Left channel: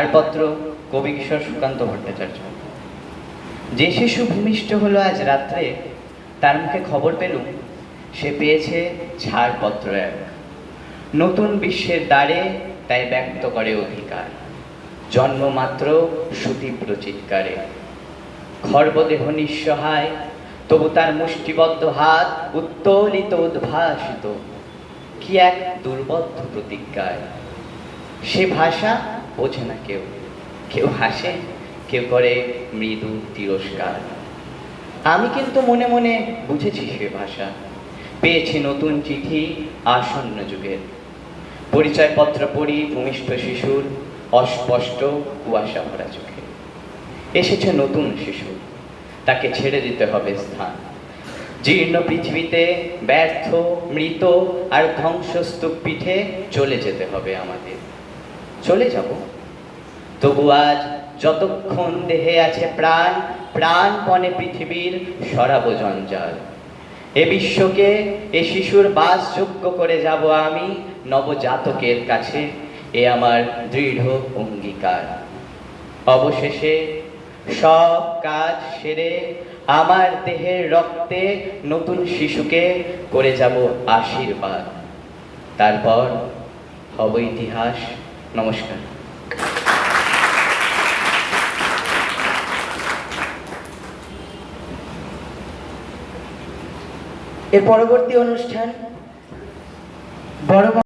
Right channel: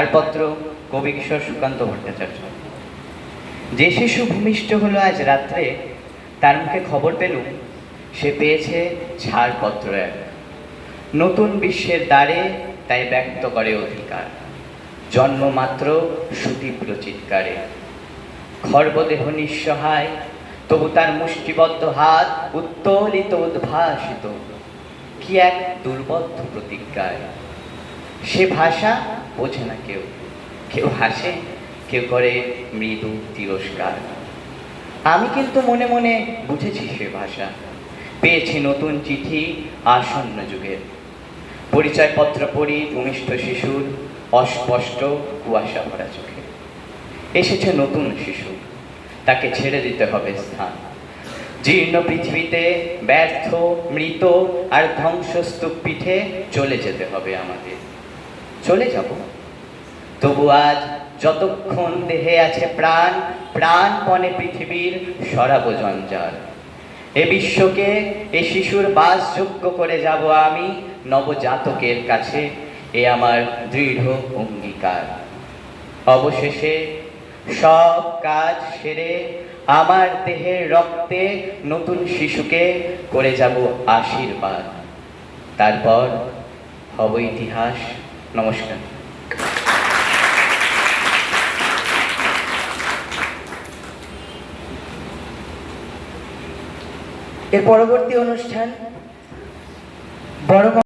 ছাড়পত্র কবি কিশোর সুকান্ত ভট্টাচার্য। যে শিশু ভূমিষ্ঠ হলো আজ রাত্রে, তার মুখে খবর পেলুম, সে পেয়েছে ছাড়পত্র এক। নতুন বিশ্বের দ্বারে তাই ব্যক্ত করে অধিকার। জন্মমাত্র সুতীব্র চিৎকারে। খর্বদেহ নিঃসহায়, তবু তার মুষ্টিবদ্ধ হাত উত্তোলিত, উদ্ভাসিত। কি এক দুর্বদ্ধ প্রতিজ্ঞায়। সে ভাষা বোঝে না কেউ। কেউ হাসে, কেউ করে মৃদু তিরস্কার। আমি কিন্তু মনে মনে বুঝেছি সে ভাষা। পেয়েছি নতুন চিঠি আসন্ন যুগের। পরিচয়পত্র পড়ি ভূমিষ্ঠ শিশুর, অস্পষ্ট কুয়াশা ভরা চোখে। এসেছে নতুন শিশু, তাকে ছেড়ে দিতে হবে স্থান। জীর্ণ পৃথিবীতে ব্যর্থ, মৃত আর ধ্বংসস্তূপ পিঠে চলে যেতে হবে আমাকে। চলে যাব। তবু আজ যতক্ষণ দেহে আছে প্রাণ, প্রাণপণে পৃথিবীর সরাব জঞ্জাল। এ বিশ্বকে, এ শিশুর বাসযোগ্য করে যাব আমি নবজাতকের কাছে। এ আমার দৃঢ় অঙ্গীকার। অবশেষে সব কাজ সেরে আমার দেহের রক্তে নতুন শিশুকে করে যাব আশীর্বাদ। তারপর হব ইতিহাস। নমস্কার। এর পরবর্তী অনুষ্ঠান বড়